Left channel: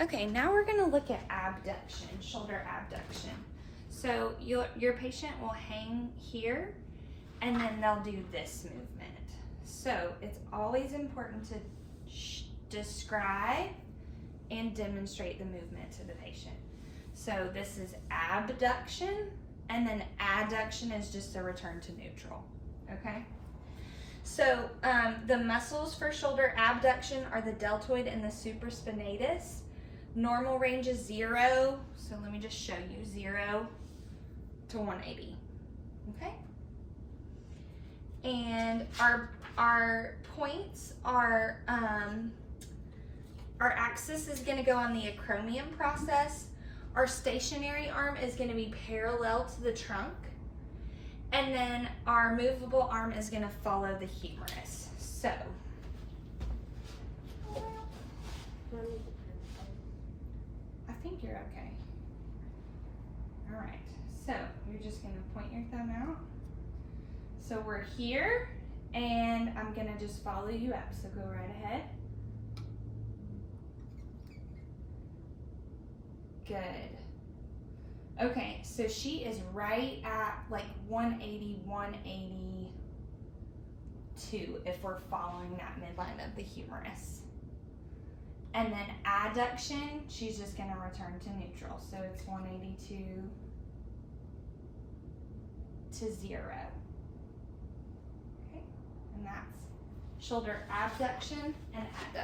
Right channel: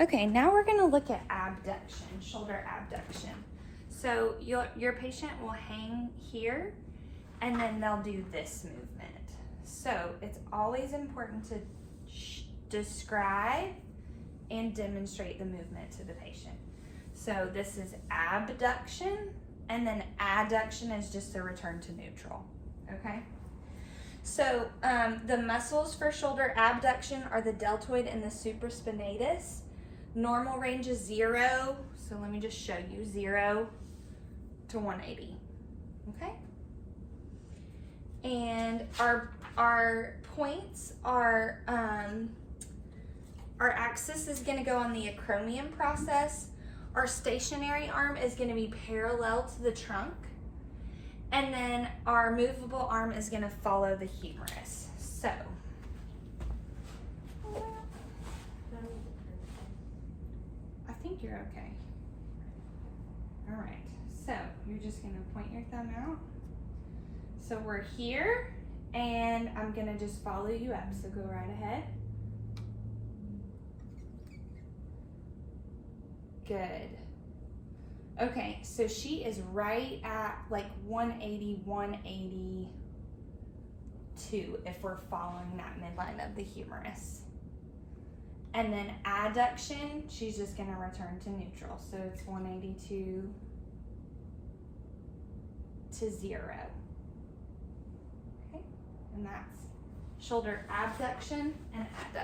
Okay, now we're gonna look at abduction, shoulder abduction. So your patient will hang here and then they'll do this movement. So it's always important to describe and demonstrate the movement to the patient. So this is abduction, and then adduction is just a return to neutral, okay? So the muscles for shoulder abduction are the deltoid and the supraspinatus. Normal range is 0, so let me just show you, 0 to 180, okay? And our points are, our axis is gonna go on the acromion process. Our stationary arm is gonna be parallel to the trunk. And then our movable arm is gonna follow the humerus. So, I think you're okay. All right, so you're just gonna point your thumb out. So we're here, and I'm gonna just follow you up, so go right ahead. Good. Okay, so she is right at like 180, 182 if we're following that midline of the humerus. And then adduction, she's just gonna return to neutral. So it's 182 to 0. Okay, and that's shoulder abduction and adduction.